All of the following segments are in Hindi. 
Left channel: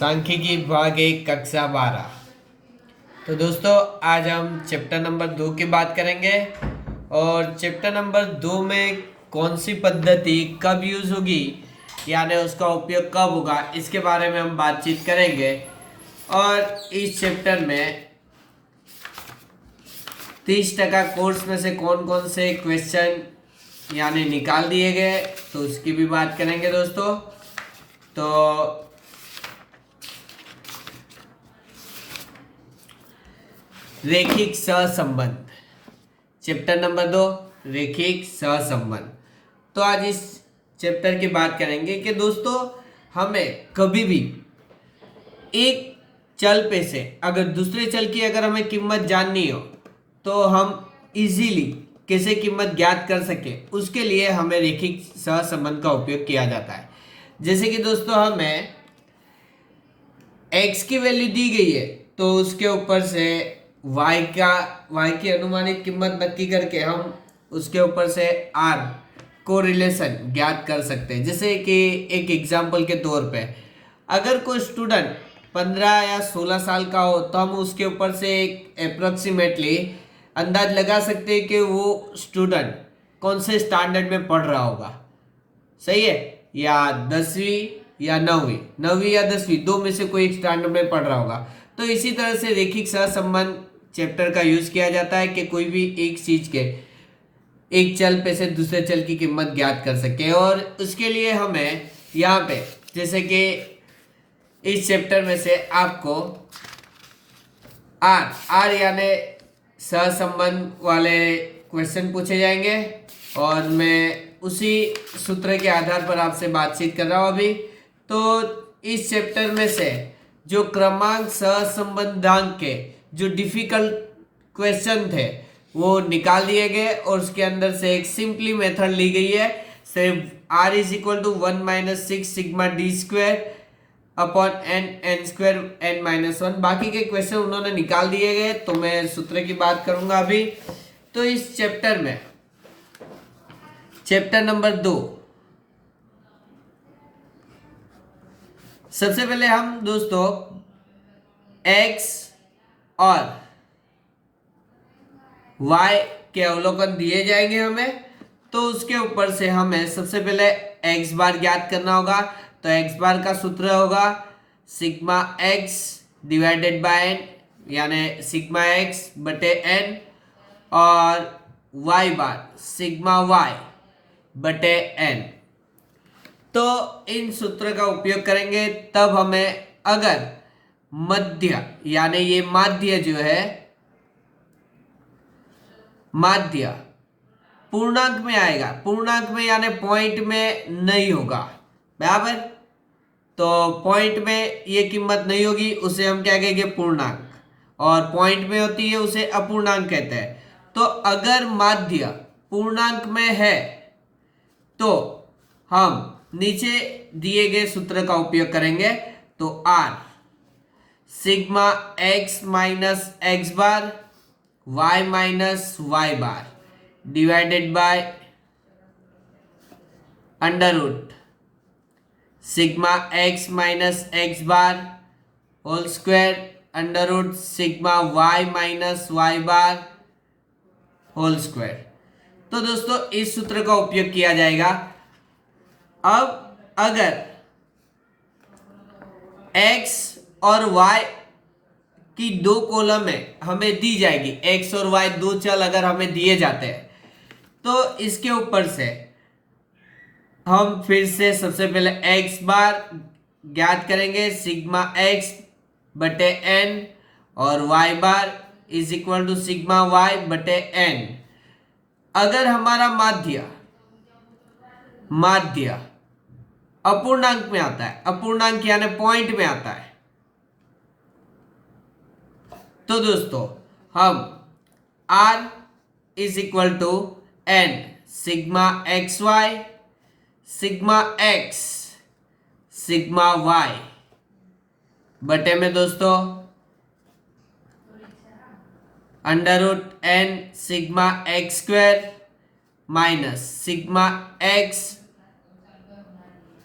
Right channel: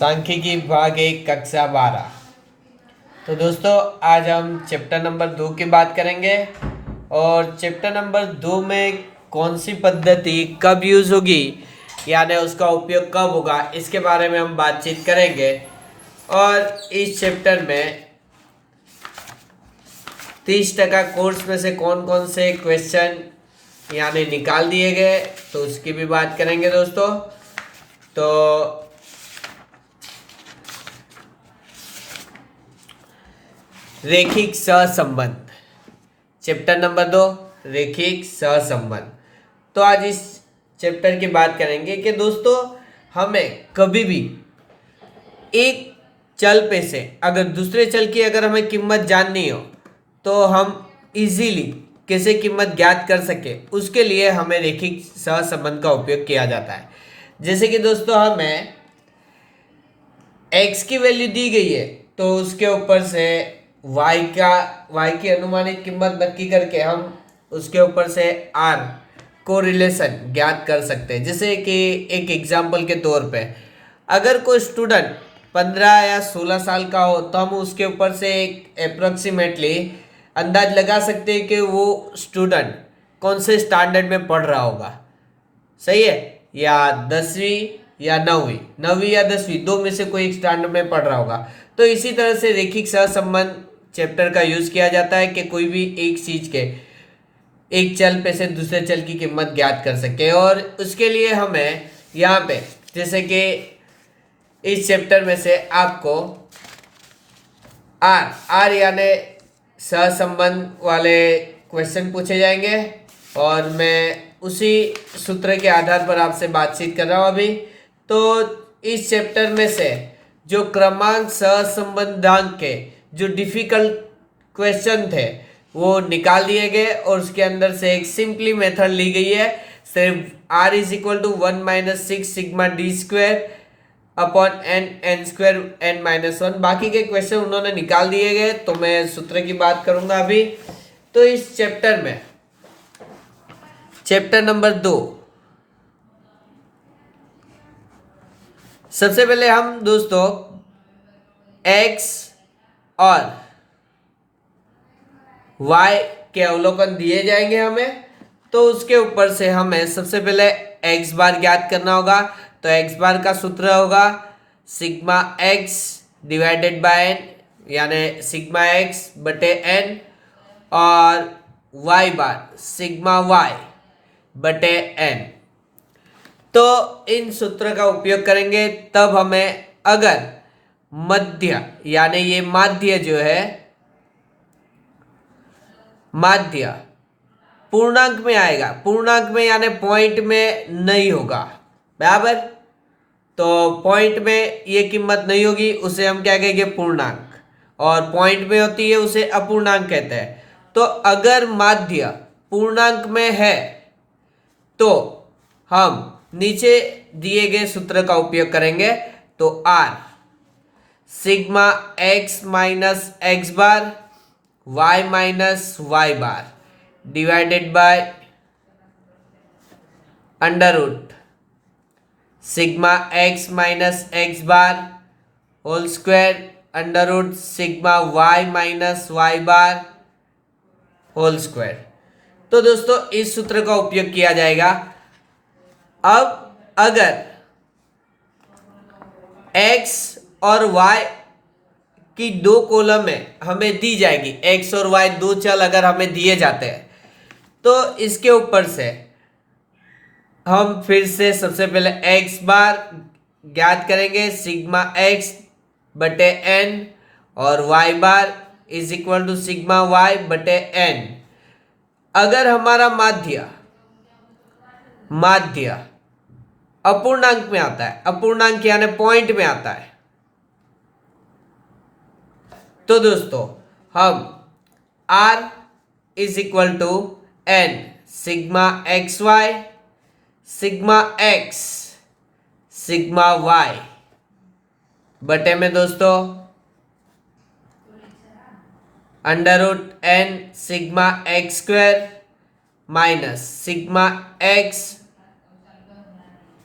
सांख्यिकी भाग 1 कक्षा 12। तो दोस्तों आज हम चैप्टर नंबर 2 की बात करेंगे और चैप्टर नंबर 2 में कौन सी पद्धति कब यूज़ होगी यानी उसका उपयोग कब होगा इसके बारे में हम बातचीत करेंगे। और इस चैप्टर में 30% कोर्स में से कौन कौन से क्वेश्चन यानी निकाल दिए गए तो उसकी भी बात करेंगे दोस्तों। तो रेखिक सहसंबंध चैप्टर नंबर 2 रेखिक सहसंबंध। तो आज इस चैप्टर की बात करेंगे कि दोस्तों हमें कभी भी एक चल पे से अगर दूसरे चल की अगर हमें कीमत जाननी हो तो हम इजीली कैसे कीमत ज्ञात कर सके उसके लिए हमें रेखिक सहसंबंध का उपयोग किया जाता है। जैसे कि दोस्तों हमें x की वैल्यू दी गई है तो उसके ऊपर से y की अनुमानित कीमत नक्की करके हम उसके ऊपर से r को रिलेशन ज्ञात कर सकते हैं। जैसे कि एक एग्जाम्पल के तौर पे अगर कोई स्टूडेंट 15 या 16 साल का हो तो हम उसके ऊपर से एक अप्रोक्सीमेटली अंदाज लगा सकते हैं कि वो स्टूडेंट कौन से स्टैंडर्ड में पढ़ रहा होगा। सही है, या 10वीं या 9वीं या 10वीं दो में से कोई एक स्टैंडर्ड में पढ़ रहा होगा। तो इसी तरह से रेखिक सहसंबंध चैप्टर का यूज किया जाता है कि कोई भी एक चीज के एक चल पे से दूसरे चल की कीमत ज्ञात कर सके। और उसके लिए हमें यहाँ पे जैसे कि इस चैप्टर में से आपको आर यानी सहसंबंध वाले क्वेश्चन पूछे जाएंगे और मैं उसी सूत्र के आधार पर आपसे बातचीत कर रहा हूँ अभी। तो इस चैप्टर में से जो क्रमांक सहसंबंधांक के जो डिफिकल्ट क्वेश्चन थे वो निकाल दिए गए और उसके अंदर से एक सिंपली मेथड ली गई है। सिर्फ r is equal to 1 minus 6 sigma D square upon N square n minus 1। बाकी के क्वेश्चन उन्होंने निकाल दिए गए तो मैं सूत्र की बात करूंगा अभी। तो इस चैप्टर में चैप्टर नंबर 2 सबसे पहले हम दोस्तों x और y के अवलोकन दिए जाएंगे हमें। तो उसके ऊपर से हमें सबसे पहले x बार ज्ञात करना होगा। तो x बार का सूत्र होगा sigma x divided by n यानी सिग्मा x बटे n और y बार सिग्मा y बटे n। तो इन सूत्र का उपयोग करेंगे तब हमें अगर मध्य यानी ये माध्य जो है माध्य पूर्णांक में आएगा, पूर्णांक में यानी पॉइंट में नहीं होगा बराबर। तो पॉइंट में ये कीमत नहीं होगी उसे हम क्या कहेंगे पूर्णांक, और पॉइंट में होती है उसे अपूर्णांक कहते हैं। तो अगर माध्य पूर्णांक में है तो हम नीचे दिए गए सूत्र का उपयोग करेंगे। तो r sigma x minus x bar y minus Y bar divided by under root sigma x minus x bar whole square under root sigma y minus Y bar whole square. तो दोस्तों इस सूत्र का उपयोग किया जाएगा। अब अगर x और y की दो कॉलम है हमें दी जाएगी, x और y दो चल अगर हमें दिए जाते हैं तो इसके ऊपर से हम फिर से सबसे पहले x बार ज्ञात करेंगे सिग्मा x बटे n और y bar is equal to sigma y बटे n। अगर हमारा माध्य अपूर्णांक में आता है, अपूर्णांक यानी पॉइंट में आता है, तो दोस्तों हम r is equal to n sigma X Y sigma x sigma y बटे में दोस्तों under root n sigma X square minus sigma x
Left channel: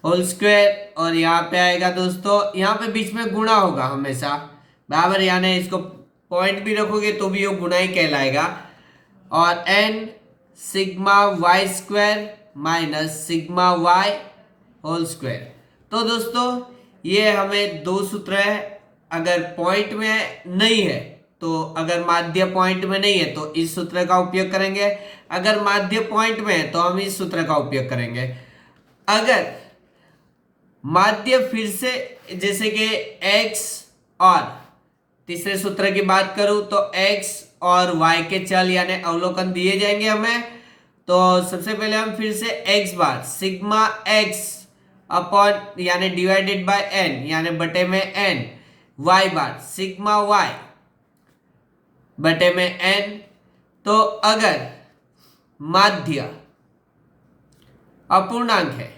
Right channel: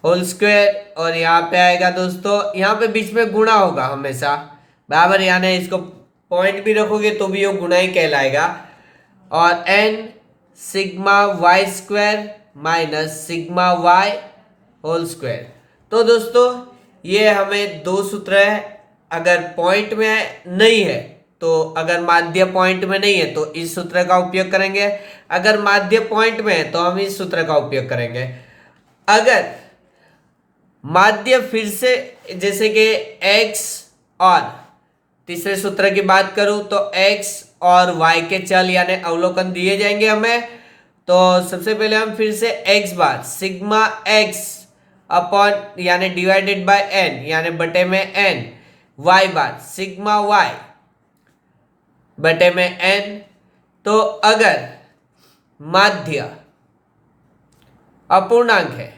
whole square, और यहाँ पे आएगा दोस्तों, यहाँ पे बीच में गुणा होगा हमेशा, बराबर, यानी इसको पॉइंट भी रखोगे तो भी वो गुणा ही कहलाएगा। और N sigma Y square minus sigma Y whole square. तो दोस्तों ये हमें दो सूत्र है, अगर पॉइंट में नहीं है तो, अगर माध्य पॉइंट में नहीं है तो इस सूत्र का उपयोग करेंगे, अगर माध्य पॉइंट में है तो हम इस सूत्र का उपयोग करेंगे। अगर माध्य फिर से, जैसे कि x, और तीसरे सूत्र की बात करूं तो x और y के चल यानी अवलोकन दिए जाएंगे हमें, तो सबसे पहले हम फिर से x बार सिग्मा x अपॉन यानी डिवाइडेड बाय n यानी बटे में n, y बार सिग्मा y बटे में n। तो अगर माध्य अपूर्णांक है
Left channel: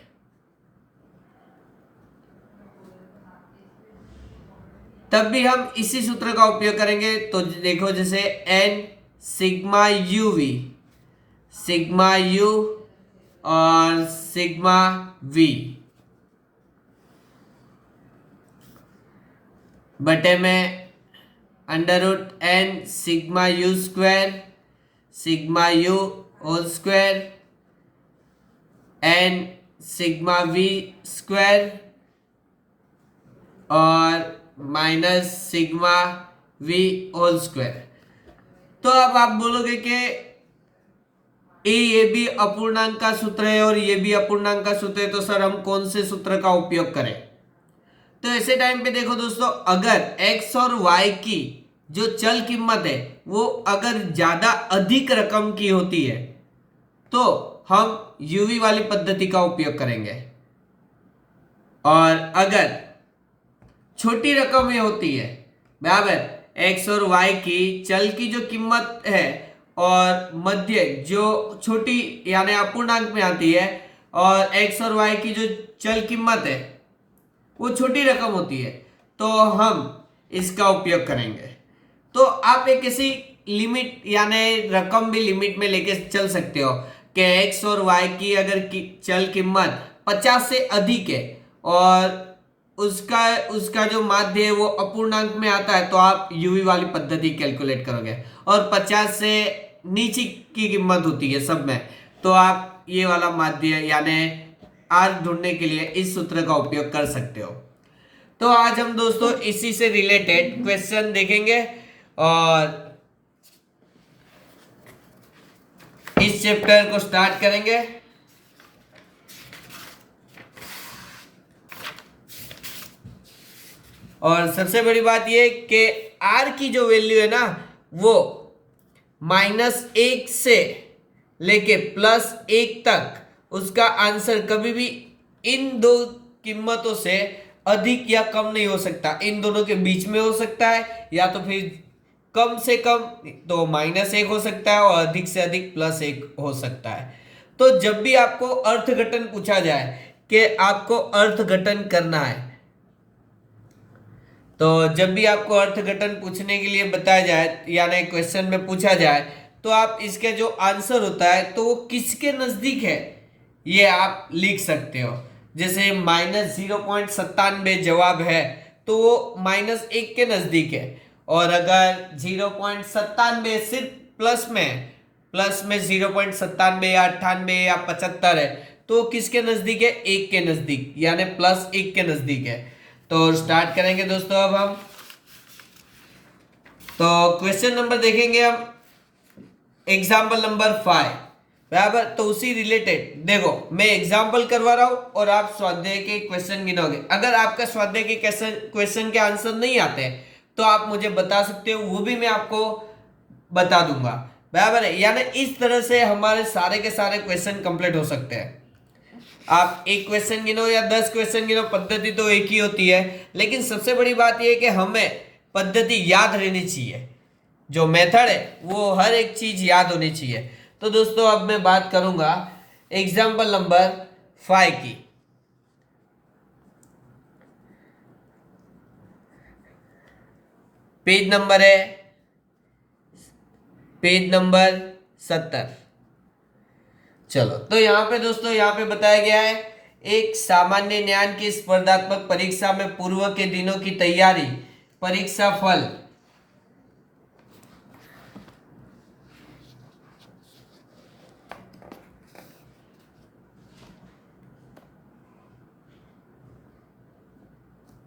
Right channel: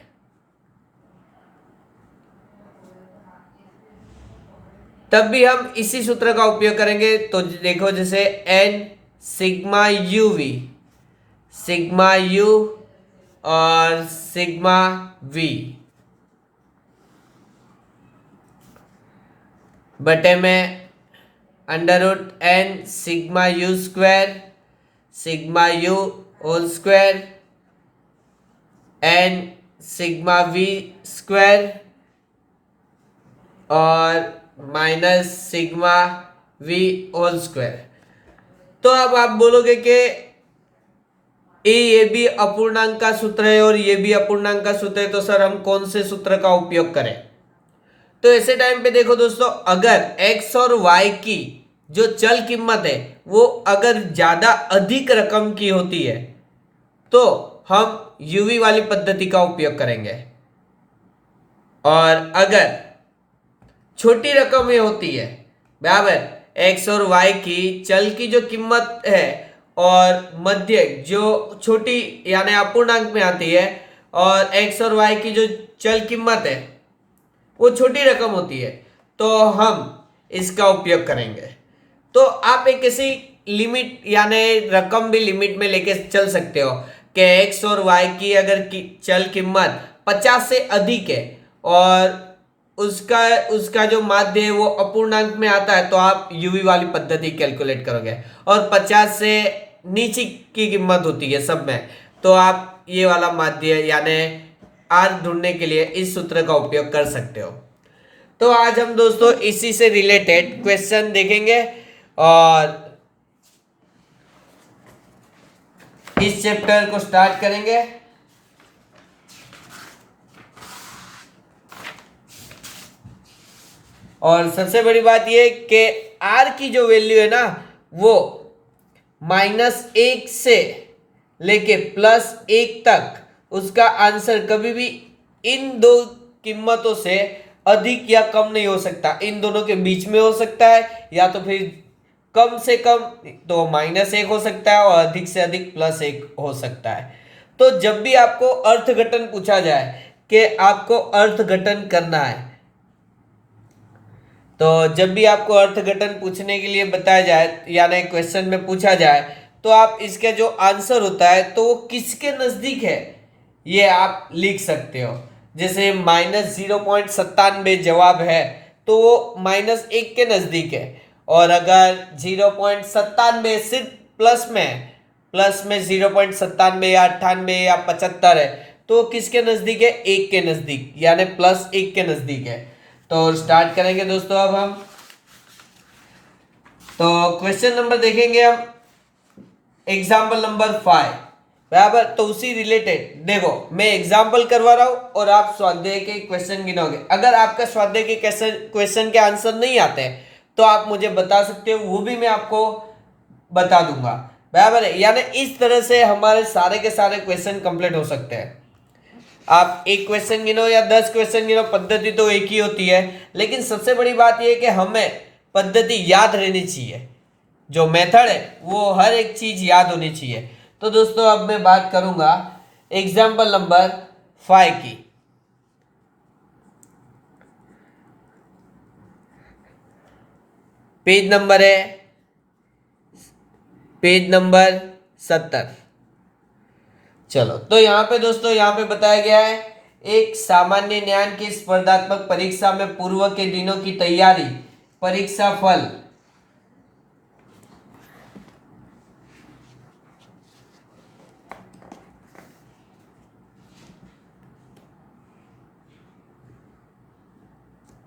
तब भी हम इसी सूत्र का उपयोग करेंगे। तो देखो जैसे n sigma u v, sigma u और सिग्मा वी बटे में under root n sigma u square, sigma u whole square, n sigma v square और minus sigma v whole square. तो अब आप बोलोगे कि ये भी अपूर्णांक का सूत्र है और ये भी अपूर्णांक का सूत्र है, तो सर हम कौन से सूत्र का उपयोग करें? तो ऐसे टाइम पे देखो दोस्तों, अगर x और y की जो चल कीमत है वो अगर ज्यादा अधिक रकम की होती है तो हम यूवी वाली पद्धति का उपयोग करेंगे, और अगर छोटी रकम में होती है, बराबर, x और y की चल की जो कीमत है और मध्य जो छोटी यानी अपूर्णांक में आती है, और x और y की जो चल कीमत है वो छोटी रकम होती है, तो हम इसका उपयोग करेंगे। तो आप एक ऐसी लिमिट यानी रकम भी लिमिट में लेके चल सकते हो कि x और y की अगर चल कीमत 50 से अधिक है और उसका जो माध्य है वो अपूर्णांक में आता है, तो आप यूवी वाली पद्धति कैलकुलेट करोगे, और 50 से नीचे की कीमत होती है सब में, तो आप ये वाला माध्य यानी आर ढूंढने के लिए इस सूत्र का उपयोग कर सकते हो। तो आज हम दोस्तों इसी से रिलेटेड क्वेश्चन देखेंगे और इस चैप्टर को स्टार्ट करेंगे। और सबसे बड़ी बात यह कि आर की जो वैल्यू है ना वो -1 से लेके +1 तक, उसका आंसर कभी भी इन दो कीमतों से अधिक या कम नहीं हो सकता, इन दोनों के बीच में हो सकता है, या तो फिर कम से कम तो -1 हो सकता है और अधिक से अधिक +1 हो सकता है। तो जब भी आपको अर्थघटन पूछा जाए कि आपको अर्थघटन करना है, तो जब भी आपको अर्थघटन पूछने के लिए बताया जाए यानी क्वेश्चन में पूछा जाए, तो आप इसका जो आंसर होता है तो वो किसके नजदीक है ये आप लिख सकते हो। जैसे -0.97 जवाब है तो वो -1 के नजदीक है, और अगर 0.97 सिर्फ प्लस में 0.97 या 98 या 75 है तो किसके नजदीक है? 1 के नजदीक, यानी +1 के नजदीक है। तो स्टार्ट करेंगे दोस्तों अब हम। तो क्वेश्चन नंबर देखेंगे हम, एग्जाम्पल नंबर 5, बराबर। तो उसी रिलेटेड देखो मैं एग्जाम्पल करवा रहा हूं और आप स्वाध्याय के क्वेश्चन गिनोगे। अगर आपका स्वाध्याय के क्वेश्चन के आंसर नहीं आते हैं तो आप मुझे बता सकते हो, वो भी मैं आपको बता दूंगा, बराबर है। यानी इस तरह से हमारे सारे के सारे क्वेश्चन कंप्लीट हो सकते हैं। आप एक क्वेश्चन गिनो या 10 क्वेश्चन गिनो, पद्धति तो एक ही होती है, लेकिन सबसे बड़ी बात यह है कि हमें पद्धति याद रहनी चाहिए, जो मेथड है वो हर एक चीज याद होनी चाहिए। तो दोस्तों अब मैं बात करूंगा एग्जाम्पल नंबर 5 की। पेज नंबर है पेज नंबर 70। चलो, तो यहां पे दोस्तों, यहां पे बताया गया है एक सामान्य ज्ञान की स्पर्धात्मक परीक्षा में पूर्व के दिनों की तैयारी, परीक्षा फल।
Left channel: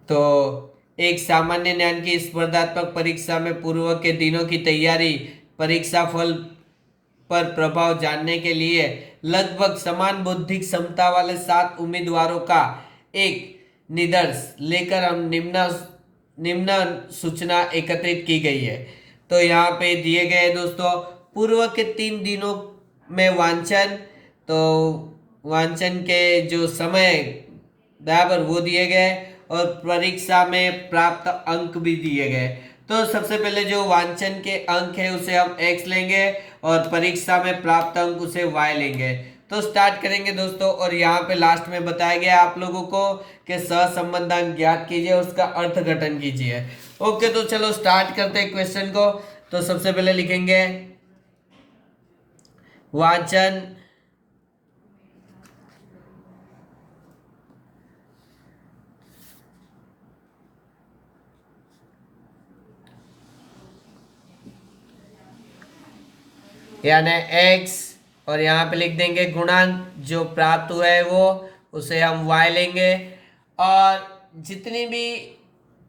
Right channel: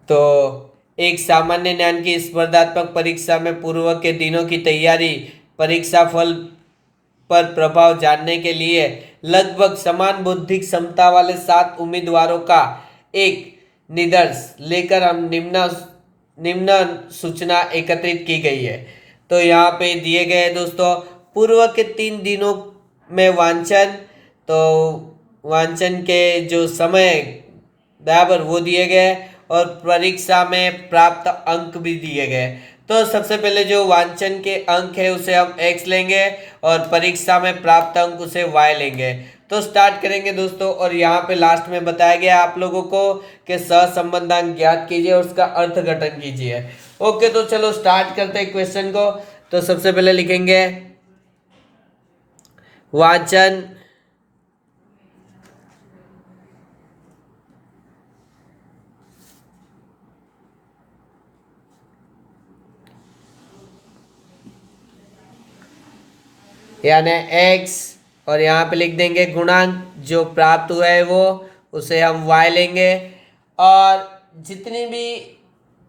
तो एक सामान्य ज्ञान की स्पर्धात्मक परीक्षा में पूर्व के दिनों की तैयारी, परीक्षा फल पर प्रभाव जानने के लिए लगभग समान बौद्धिक क्षमता वाले 7 उम्मीदवारों का एक निष्कर्ष लेकर हम निम्न निम्न सूचना एकत्रित की गई है। तो यहाँ पे दिए गए हैं दोस्तों, पूर्व के 3 दिनों में वांछन, तो वांछन के जो समय बराबर वो दिए गए और परीक्षा में प्राप्त अंक भी दिए गए। तो सबसे पहले जो वांछन के अंक है उसे हम x लेंगे और परीक्षा में प्राप्त अंक उसे y लेंगे। तो स्टार्ट करेंगे दोस्तों, और यहाँ पे लास्ट में बताया गया आप लोगों को कि सहसंबंधांक ज्ञात कीजिए और उसका अर्थघटन कीजिए। ओके, तो चलो स्टार्ट करते हैं क्वेश्चन को। तो सबसे पहले लिखेंगे वांछन यानी x, और यहाँ पे लिख देंगे गुणांक जो प्राप्त हुआ है वो, उसे हम y लेंगे। और जितनी भी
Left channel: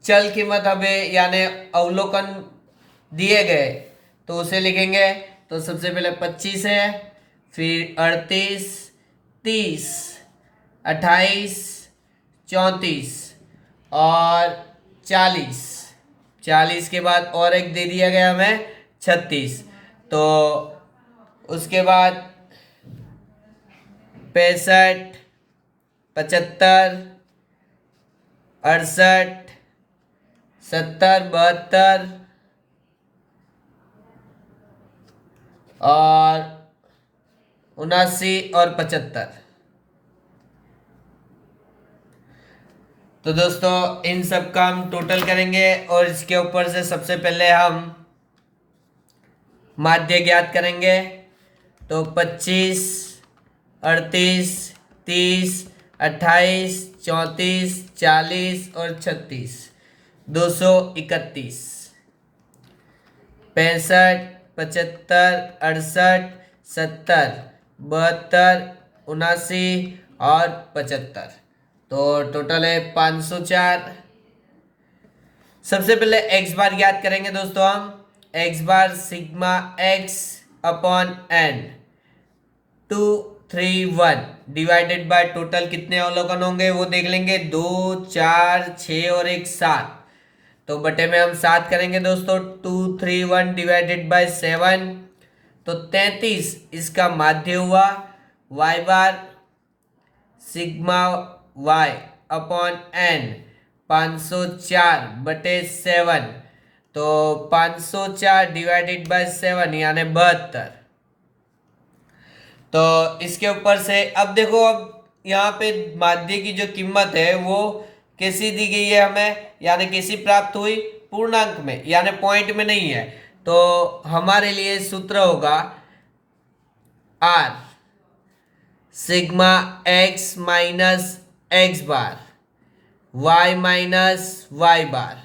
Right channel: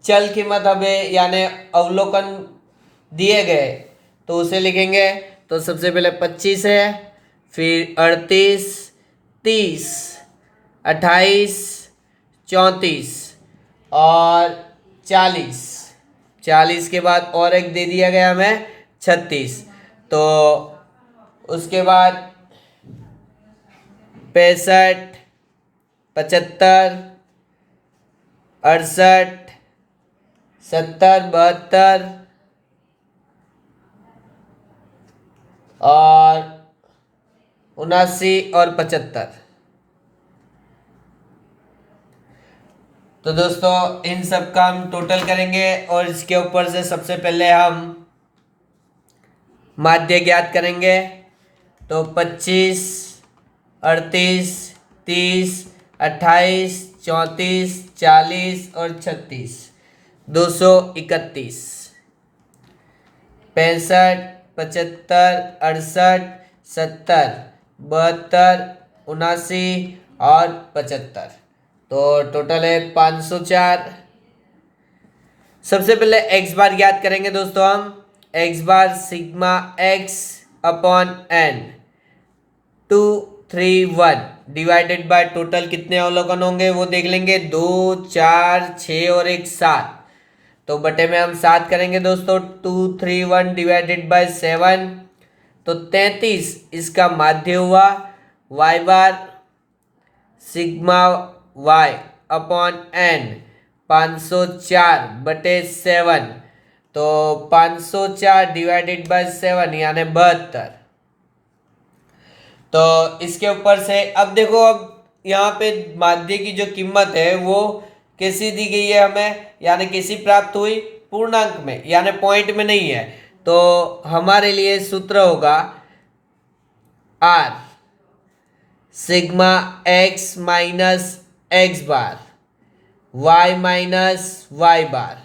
चल कीमत हमें यानी अवलोकन दिए गए तो उसे लिखेंगे। तो सबसे पहले 25 है, फिर 38, 30, 28, 34 और 40। 40 के बाद और एक दे दिया गया हमें 36। तो उसके बाद 65, 75, 68, 70, 72 और 79 और 75। तो दोस्तों इन सब का हम टोटल करेंगे और इसके ऊपर से सबसे पहले हम माध्य ज्ञात करेंगे। तो 25, 38, 30, 28, 34, 40 और 36, 231। 65, 75, 68, 70, 72, 79 और 75। तो टोटल है 504। सबसे पहले x बार ज्ञात करेंगे दोस्तों हम। x bar sigma x upon n 231 divided by total कितने अवलोकन होंगे वो देख लेंगे, 2, 4, 6 और 1 7। तो बटे में हम 7 करेंगे दोस्तों। 231 डिवाइडेड बाय 7 तो 33 इसका माध्य हुआ। y बार सिग्मा y अपॉन n 504 बटे 7। तो 504 डिवाइडेड बाय 7 यानी 72। तो इसके ऊपर से अब देखो, अब यहाँ पे माध्य की जो कीमत है वो कैसी दी गई है हमें, यानी कैसी प्राप्त हुई, पूर्णांक में यानी पॉइंट में नहीं है। तो हमारे लिए सूत्र होगा r sigma x minus x bar y minus Y bar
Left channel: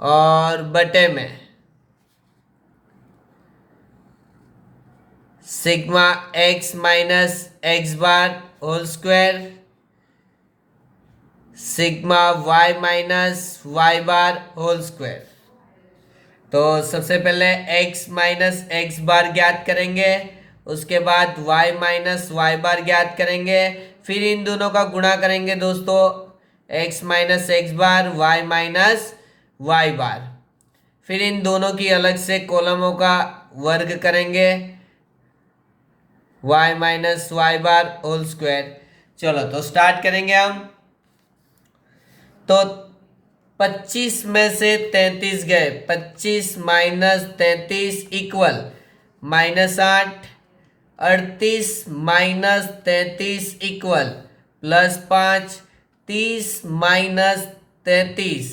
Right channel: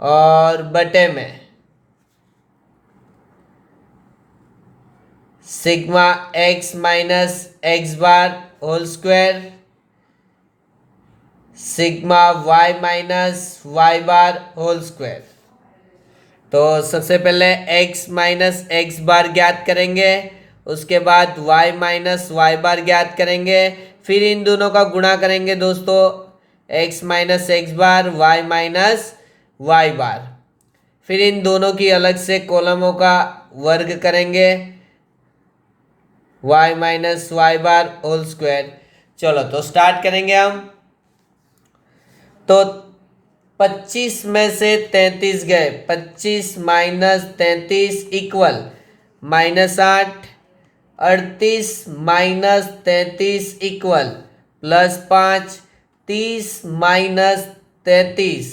और बटे में sigma x minus x bar whole square sigma y minus Y bar whole square. तो सबसे पहले x माइनस एक्स बार ज्ञात करेंगे, उसके बाद y माइनस वाई बार ज्ञात करेंगे, फिर इन दोनों का गुणा करेंगे दोस्तों, x minus x bar y minus Y बार। फिर इन दोनों की अलग से कॉलमों का वर्ग करेंगे, y minus Y bar whole square. चलो तो स्टार्ट करेंगे हम। तो 25 में से 33 गए, 25 minus 33 equal -8, 38 minus 33 equal +5, 30 minus 33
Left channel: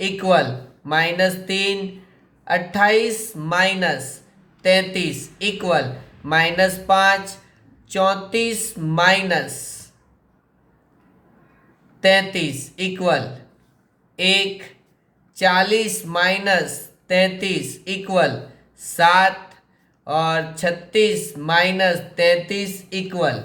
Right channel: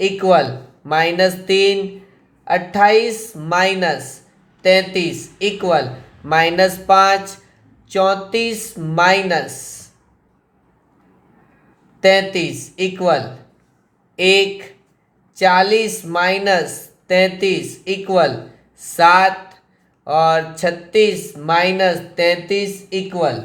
equal -3, 28 minus 33 equal -5, 34 minus 33 equal 1, 40 minus 33 equal 7 और 36 माइनस 33 इक्वल,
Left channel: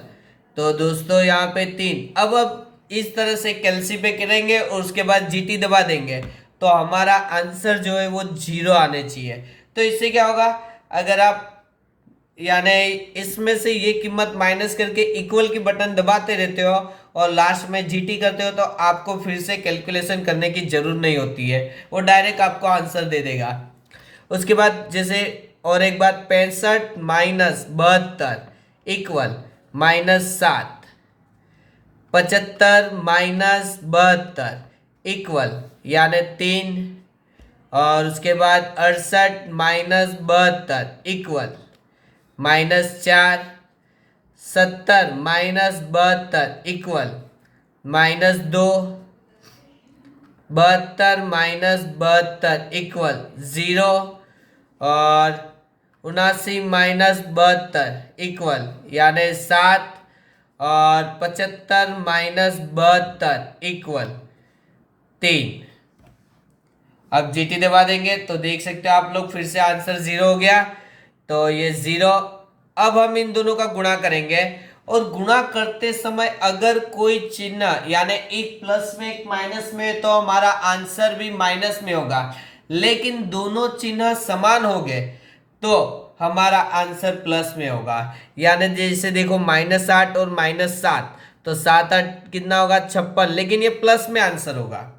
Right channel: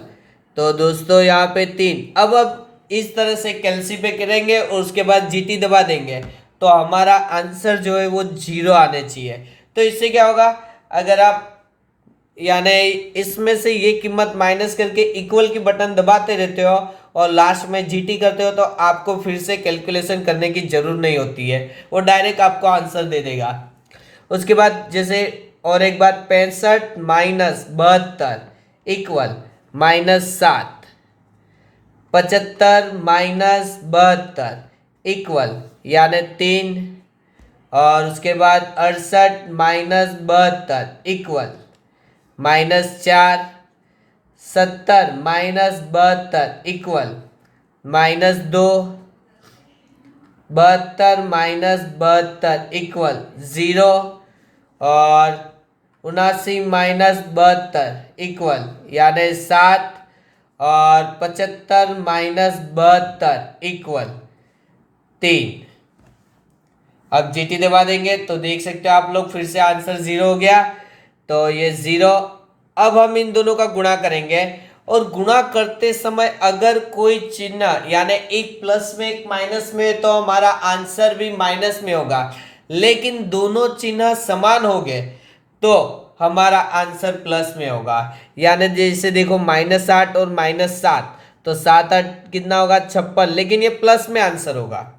तो दोस्तों यहाँ पे 3। अब इस तरह से कैलसी पे करेंगे और उसके बाद जीटी दबा देंगे तो हमारा आंसर जो है वो 0 आने चाहिए। तो इससे क्या होगा, अगर आप यानी इसमें से ये कीमत माइनस करके इक्वल की बटन दबाते रहते हो और लास्ट में जीटी करते हो तो आपको फिर से कैलकुलेशन करने की जरूरत नहीं होती है, वो डायरेक्ट आपको आंसर दे देगा। उसके बाद जैसे और एक बात, 65 माइनस 72 इक्वल -7, 75 माइनस 72 इक्वल यानी 3, और उसके बाद 68 minus 72 equal -4, 70 minus 72 equal -2, 72 minus 72 equal 0, और 79 माइनस 72 इक्वल यानी 7, और 75 माइनस 72 इक्वल 3। अब जीटी दबा देंगे तो देख सकते हो आप लोग फिर से आंसर 0 हो गया, तो ये 0। अब हम इन दोनों का गुणा करेंगे और गुणा करते समय अगर कोई चिन्ह यानी एक प्लस में एक माइनस में तो हमारा आंसर भी माइनस में होगा, लेकिन दोनों चिन्ह समान हो गए तो हमारा आंसर प्लस में होगा। यानी जैसे देखो -8 और -7, तो 7 8 कितना होगा 56, लेकिन ये प्लस में आंसर होगा,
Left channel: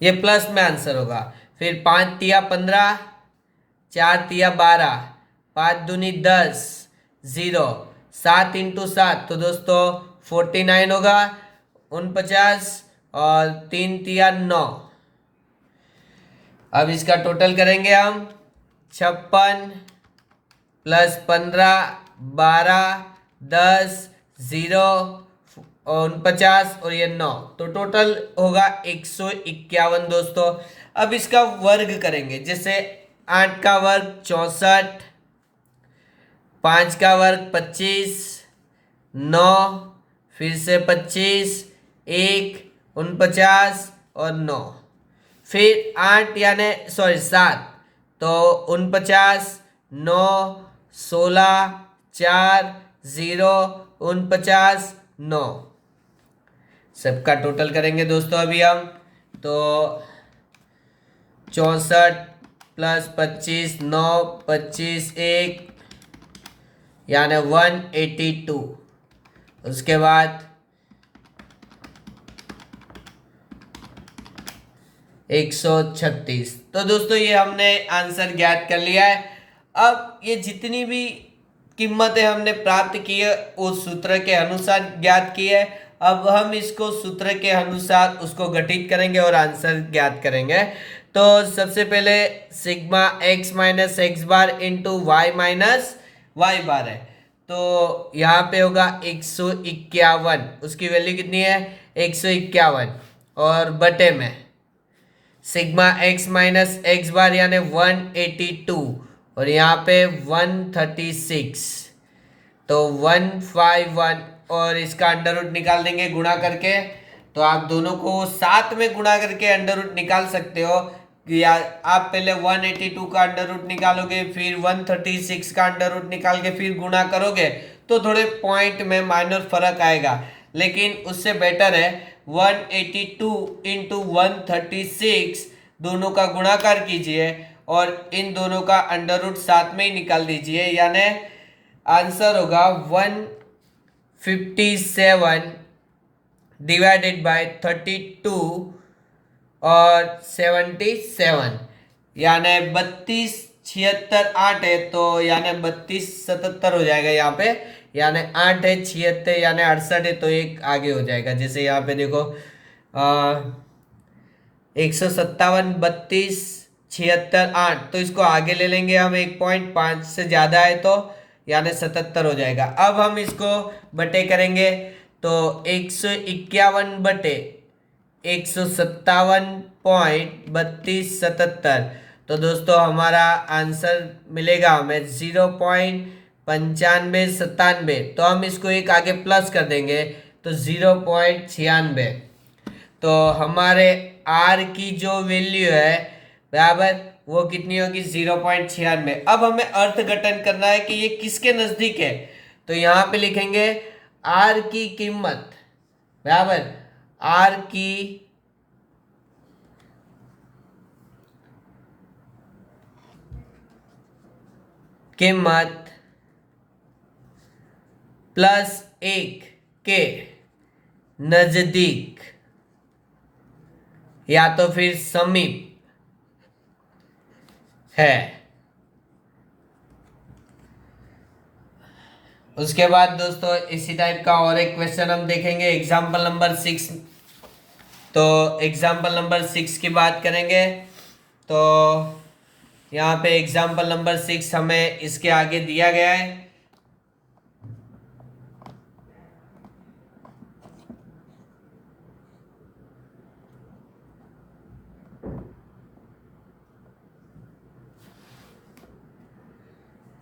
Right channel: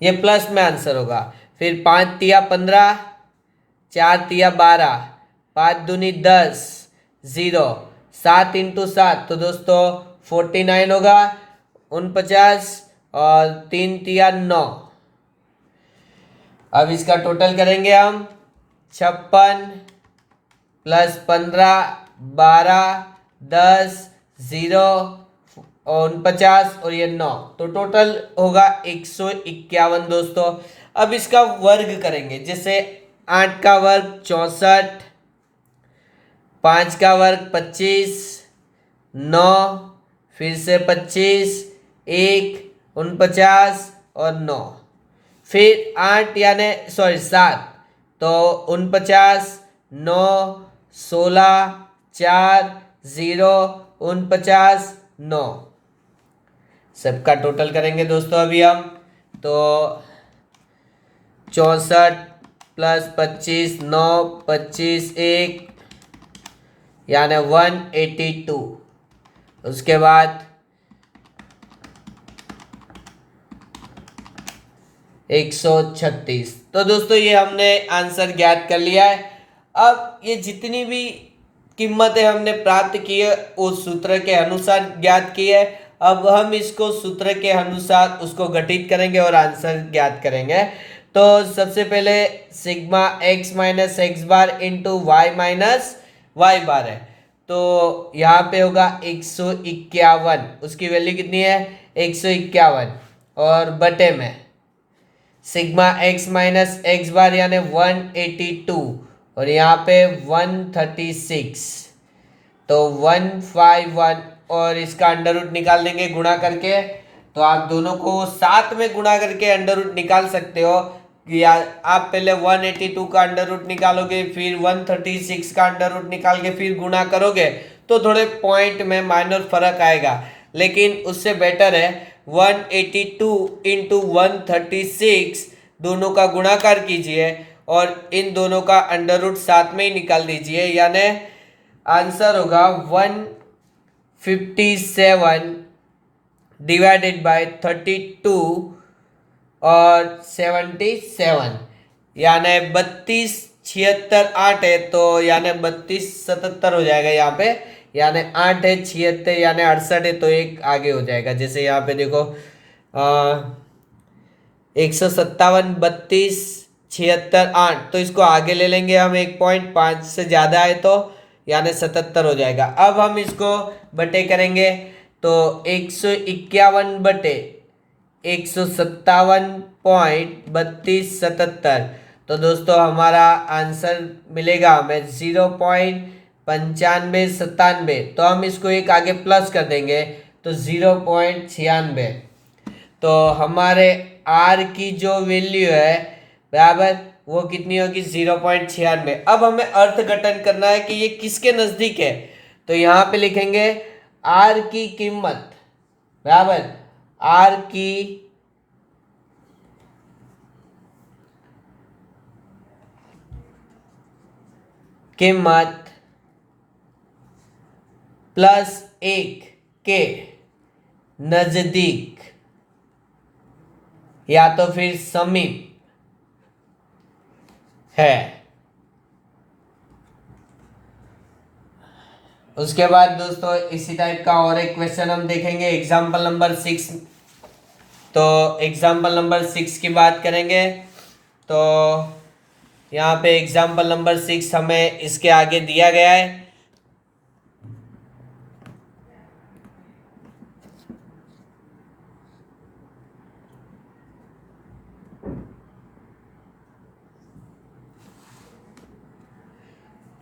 ये प्लस में आंसर होगा। फिर 5 तिया 15, 4 तिया 12, 5 दूनी 10, 0, 7 इंटू 7 तो दोस्तों 49 होगा, 49, और 3 तिया 9। अब इसका टोटल करेंगे हम, 56 प्लस 15, 12, 10, 0, 49 और ये 9, तो टोटल होगा 151 दोस्तों। अब इसका वर्ग करेंगे, जैसे 8 का वर्ग 64, 5 का वर्ग 25, 9, फिर से 25, 1, 49 और 9, फिर 8 यानी 7, तो 49, 9, 16, 4, 0, 49, 9, सबका टोटल करेंगे दोस्तों अभी हम, तो 64 प्लस 25, 9, 25, 1 यानी 182, उसके बाद 136। तो दोस्तों ये हमने आंसर ज्ञात कर लिया है। अब ये जितनी भी कीमतें हमने प्राप्त की है उस सूत्र के अनुसार ज्ञात की है। अब हम इसको सूत्र के अनुसार उसको गठित करेंगे और आंसर ज्ञात करेंगे। तो सबसे पहले sigma x minus x bar into Y minus Y बार है, तो यहाँ पे होगा 151, उसकी वैल्यू कितनी है 151, और बटे में सिग्मा x माइनस एक्स बार यानी 182, और यहाँ पे 136, तो 151, और इसका अंडर रूट निकाल देंगे गुणा करके। तो आप दोनों को साथ में गुणा करके अंडर रूट निकाल सकते हो, या आप पहले 182 का अंडर रूट निकालोगे, फिर 136 का अंडर रूट निकाल के फिर गुणा करोगे तो थोड़े पॉइंट में माइनर फर्क आएगा, लेकिन उससे बेटर है 182 इंटू 136 दोनों का गुणाकार कीजिए और इन दोनों का अंडर रूट साथ में ही निकाल दीजिए, यानी आंसर होगा 157 डिवाइडेड बाय 32 और 77, यानी 32, 76, 8 है, तो यानी 32, 77 हो जाएगा यहाँ पे, यानी 8 है 76 यानी 68 है, तो एक आगे हो जाएगा। जैसे यहाँ पे देखो 157, 32, 76, 8, तो इसको आगे ले लेंगे हम 1.5 से ज़्यादा है तो यानी 77 हो जाएगा। अब हम इसको बटे करेंगे तो 151 बटे 157.3277, तो दोस्तों हमारा आंसर मिलेगा हमें 0.9597। तो हम इसको एक आगे प्लस कर देंगे तो 0.96। तो हमारे आर की जो वैल्यू है बराबर वो कितनी होगी 0.96। अब हमें अर्थघटन करना है कि ये किसके नजदीक है। तो यहाँ पे लिखेंगे आर की कीमत बराबर आर की कीमत +1 के नजदीक या तो फिर समीप है। उसके बाद दोस्तों इसी टाइप का और एक क्वेश्चन हम देखेंगे एग्जाम्पल नंबर 6। तो एग्जाम्पल नंबर 6 की बात करेंगे तो यहाँ पे एग्जाम्पल नंबर 6 हमें इसके आगे दिया गया है।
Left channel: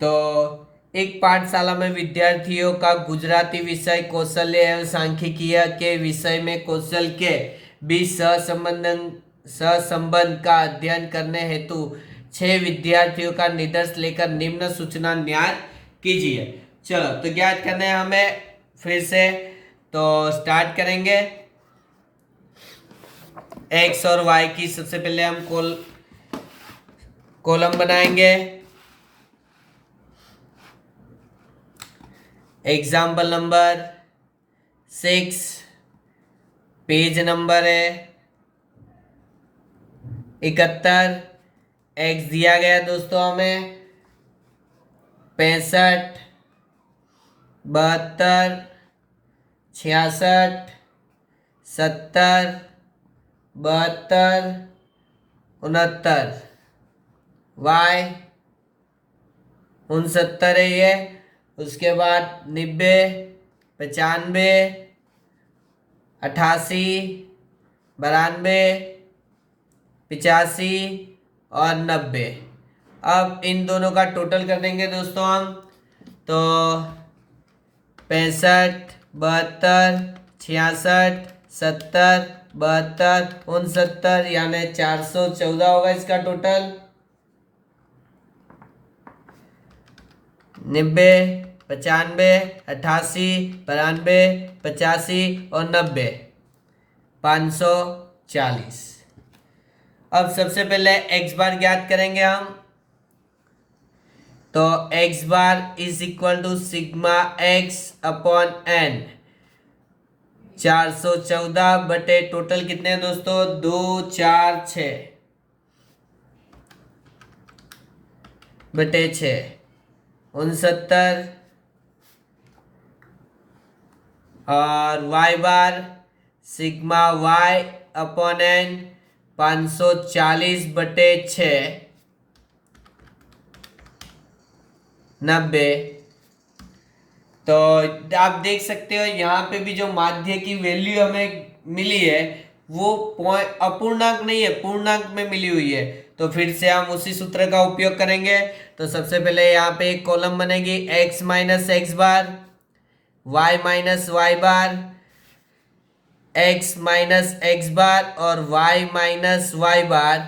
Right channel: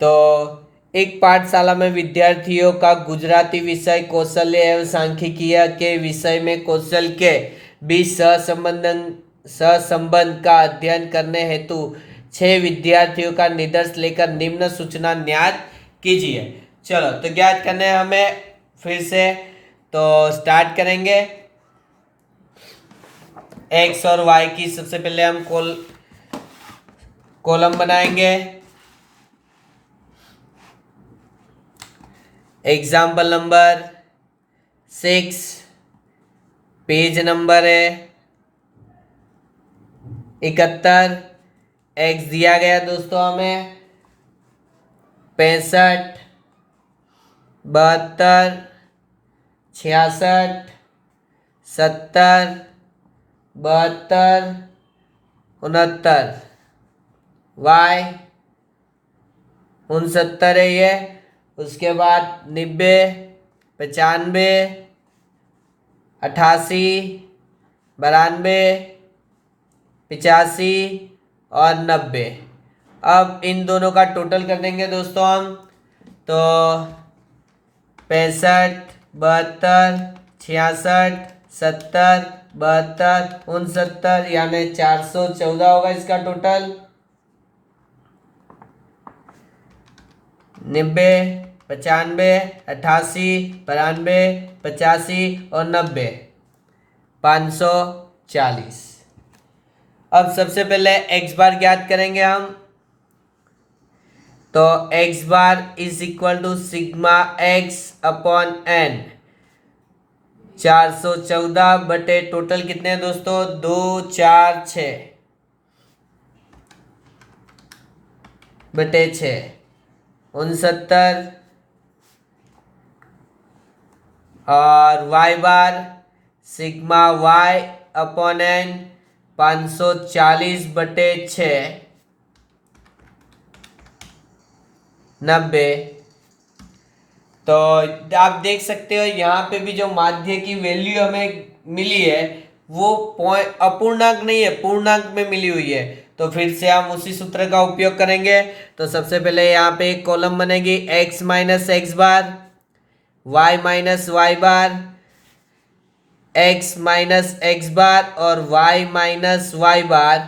तो एक पाठशाला में विद्यार्थियों का गुजराती विषय कौशल्य एवं सांख्यिकीय के विषय में कौशल के बीच सहसंबंध का अध्ययन करने हेतु 6 विद्यार्थियों का निष्कर्ष लेकर निम्न सूचना ज्ञात कीजिए। चलो तो ज्ञात करने हमें फिर से तो स्टार्ट करेंगे। एक्स और वाई की सबसे पहले हम कॉलम बनाएंगे। एग्जाम्पल नंबर 6 पेज नंबर है 71। एक्स दिया गया दोस्तों हमें 65, 72, 66, 70, 72, 69। वाई 69 है ये। उसके बाद 90, 95, 88, 92, 85 और 90। अब इन दोनों का टोटल कर देंगे दोस्तों हम। तो 65, 72, 66, 70, 72, 69 यानी 414 होगा इसका टोटल। 90, 95, 88, 92, 85 और 90 540। अब सबसे पहले एक्स बार ज्ञात करेंगे हम। तो X bar is equal to sigma X upon N 414 बटे टोटल कितने हैं दोस्तों 2, 4, 6 बटे 6 69। और वाई बार सिग्मा वाई अपॉन एन 540 बटे 6 90। तो आप देख सकते हो यहाँ पे भी जो माध्य की वैल्यू हमें मिली है वो अपूर्णांक नहीं है पूर्णांक में मिली हुई है। तो फिर से हम उसी सूत्र का उपयोग करेंगे। तो सबसे पहले यहाँ पे एक कॉलम बनेगी x minus x bar, y minus Y bar, x minus x bar और वाई माइनस वाई बार।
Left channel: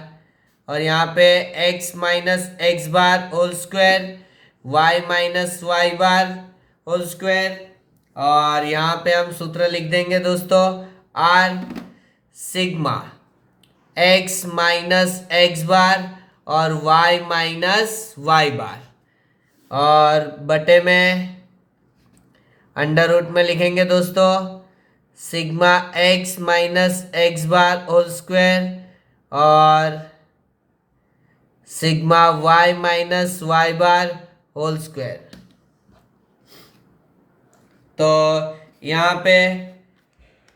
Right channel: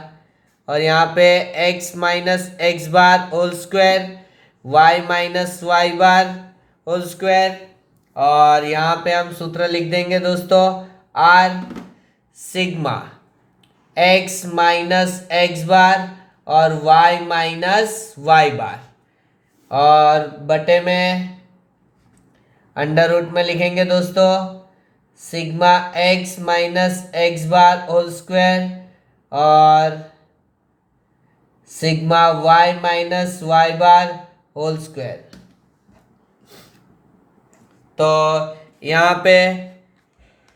और यहाँ पे x minus x bar whole square, y minus Y bar whole square. और यहाँ पे हम सूत्र लिख देंगे दोस्तों r sigma x minus x bar और वाई माइनस वाई बार। और बटे में अंडर रूट में लिखेंगे दोस्तों sigma x minus x bar whole square और sigma y minus Y bar whole square. तो यहाँ पे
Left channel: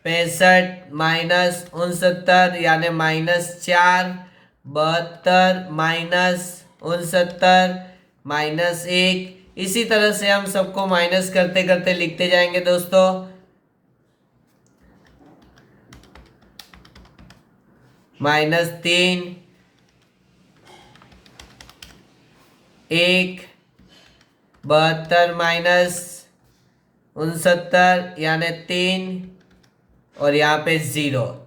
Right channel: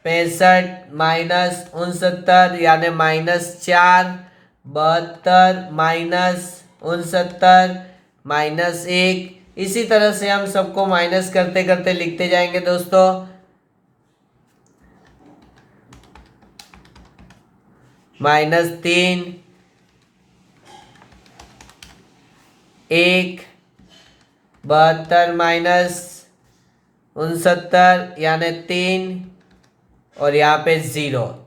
65 माइनस 69 यानी -4, 72 माइनस 69 -1। इसी तरह से हम सबको माइनस करते करते लिखते जाएंगे दोस्तों। -3, 1, 72 माइनस 69 यानी 3 और यहाँ पे 0।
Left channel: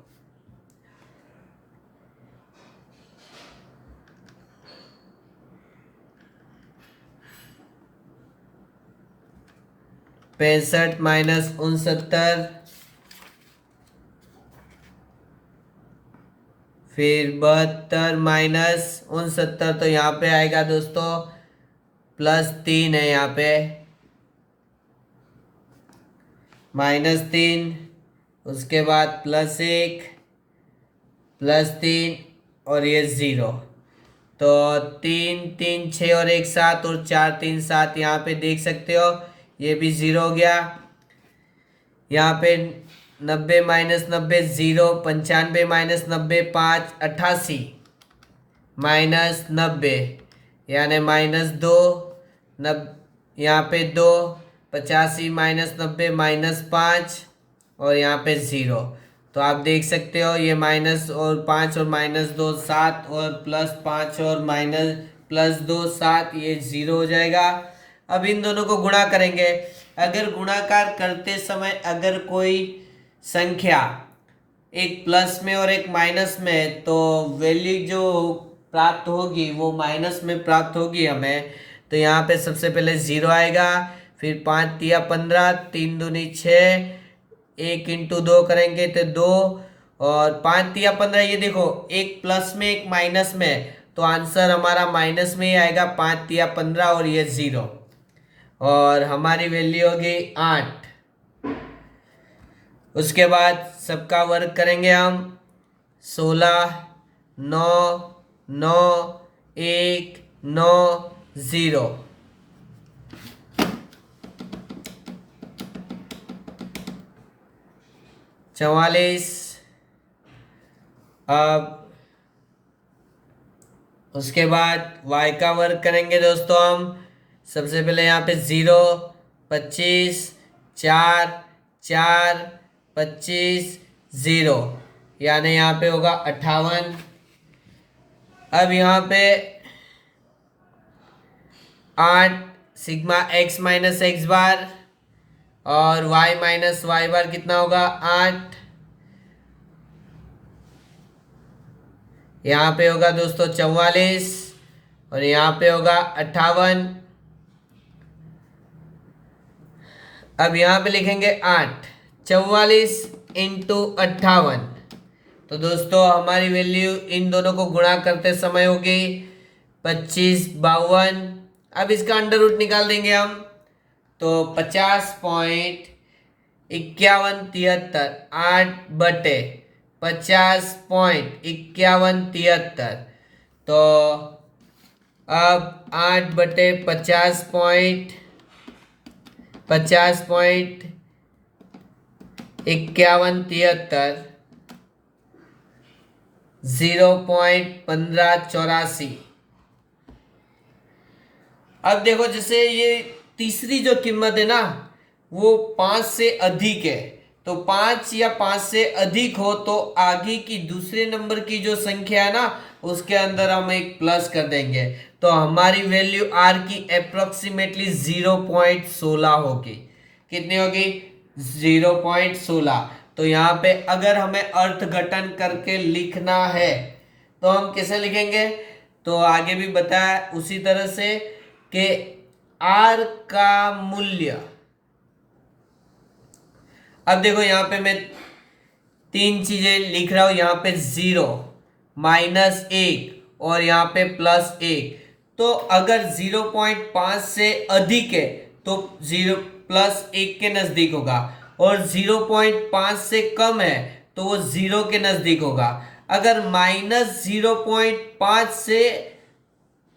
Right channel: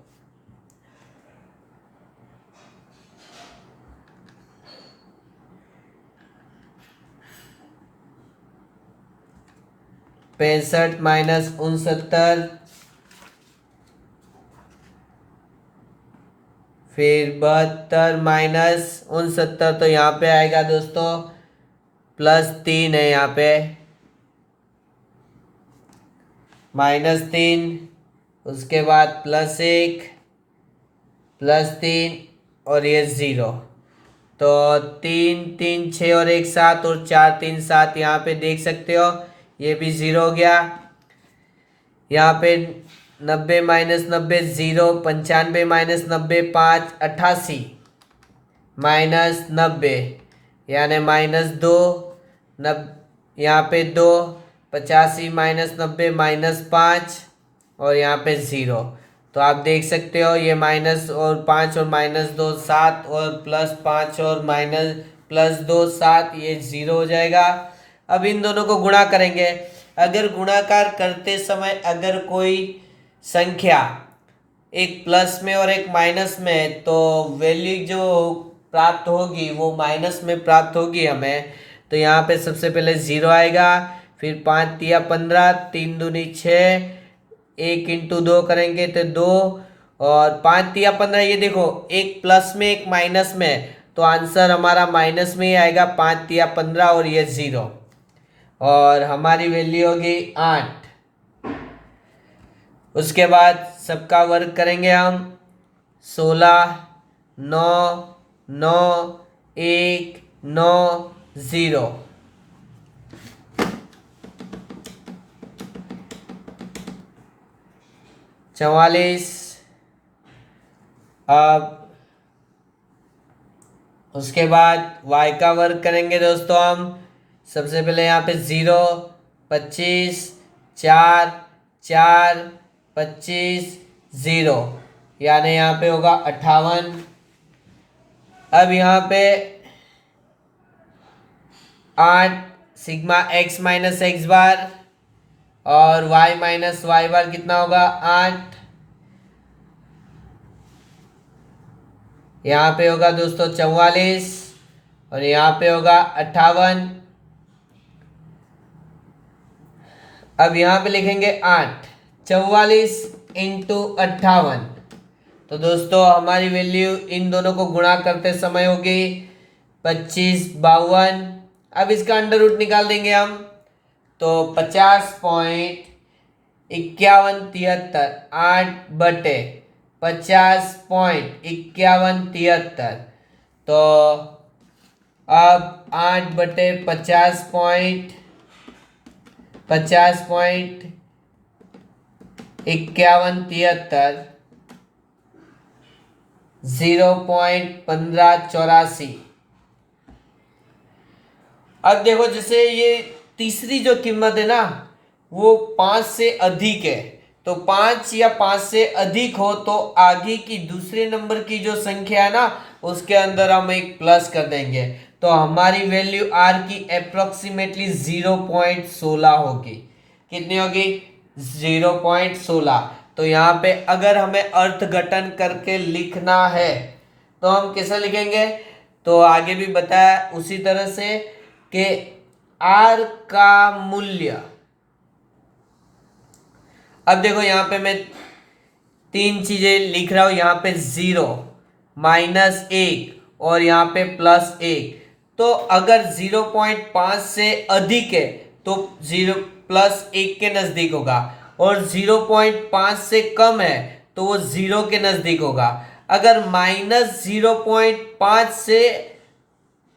पैंसठ माइनस 69, फिर 72 माइनस 69, तो यहाँ पे आएगा दोस्तों +3 है, यहाँ पे -3, उसके बाद +1 +3 और ये 0। तो 3 3 6 और 1 7 और 4 3 7, यहाँ पे देख सकते हो ये भी 0 हो गया। यहाँ पे 90 माइनस 90 0, 95 माइनस 90 5, 88 माइनस 90 यानी -2, यहाँ पे 2, 85 माइनस 90 -5 और यहाँ पे 0। तो आप देख सकते हो ये माइनस और 5 और -2 7 और +5 और +2 7, ये 0 हो जाएगा। अब इन दोनों को गुणा करेंगे। अगर गुणाकार करते समय अगर कोई संख्या एक प्लस में और एक माइनस में है तो वैल्यू जो प्राप्त होगी वो माइनस में प्राप्त होगी हमें। तो यहाँ पे सबसे पहले 0 आएगा, फिर 5 तिया 15, 3 दूनी 6, 1 × 2 करेंगे तो 2 और 5 तिया 15। ये देखो एक प्लस में एक माइनस में, तो आंसर हमारा माइनस में ही आएगा, 5 तिया 15 और ये 0 और हमारी वैल्यू होगी 8। उसके बाद सबका वर्ग करेंगे हम। 16 9 9 1 9 0। चवालीस। अब उसके बाद y का वर्ग करेंगे दोस्तों हम। सबसे पहले यहाँ पे 0 25 4 4 25 0 यानी यहाँ पे होगा 58। अब यहाँ पे 8 sigma x minus x bar और y माइनस वाई बार कितना होगा 8। यहाँ पे होगा दोस्तों 44 और यहाँ पे होगा 58। अब यहाँ पे लिखेंगे 8 44 × 58। तो दोस्तों हमारी वैल्यू इन दोनों को गुणा करते समय होगी 25 52। अब इसका अंडर रूट निकाल देंगे हम, तो 50.5173 8/50.5173। तो अब 8/50.5173 0.1584। अब देखो जैसे ये तीसरी जो कीमत है ना वो 5 से अधिक है, तो 5 या 5 से अधिक हो तो आगे की दूसरे नंबर की जो संख्या है ना उसके अंदर हम एक प्लस कर देंगे। तो हमारी वैल्यू आर की अप्रोक्सीमेटली 0.16 होगी। कितनी होगी 0.16। तो यहाँ पे अगर हमें अर्थघटन करके लिखना है तो हम कैसे लिखेंगे, तो आगे भी बताया उसी तरह से कि आर का मूल्य। अब देखो यहाँ पे मैं 3 चीजें लिख रहा हूं, यहाँ पे 0 -1 और यहाँ पे +1। तो अगर 0.5 से अधिक है तो 0 +1 के नजदीक होगा और 0.5 से कम है तो वो 0 के नजदीक होगा। अगर -0.5 से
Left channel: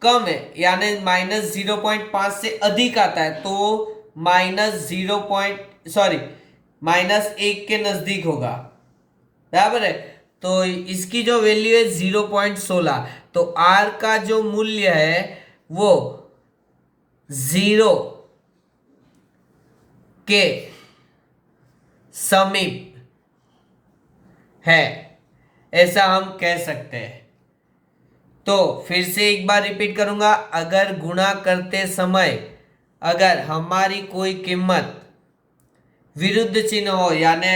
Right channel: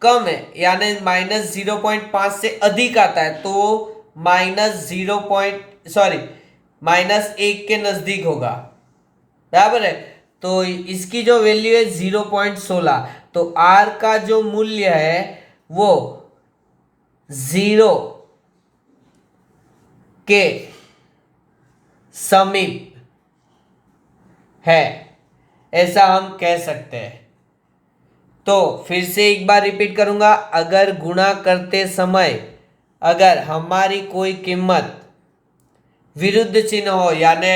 कम है यानी -0.5 से अधिक आता है तो -1 के नजदीक होगा, बराबर है। तो इसकी जो वैल्यू है 0.16, तो आर का जो मूल्य है वो 0 के समीप है, ऐसा हम कह सकते हैं। तो फिर से एक बार रिपीट करूंगा, अगर गुणा करते समय अगर हमारी कोई कीमत विरुद्ध चिन्ह हो यानी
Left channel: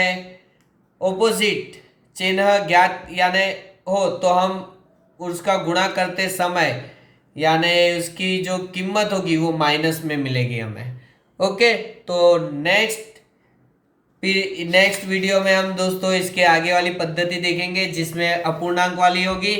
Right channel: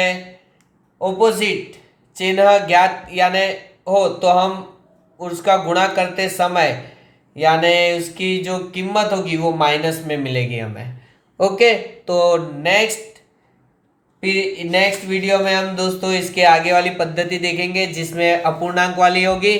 ऑपोजिट चिन्ह ज्ञात यानी हो तो हम उसका गुणा करते समय यानी उसकी जो कीमत होगी वो माइनस में मिलेगी हमें। ओके, तो नेक्स्ट वीडियो में हम दोस्तों इसके आगे वाली पद्धति देखेंगे जिसमें अपूर्णांक वाली होगी।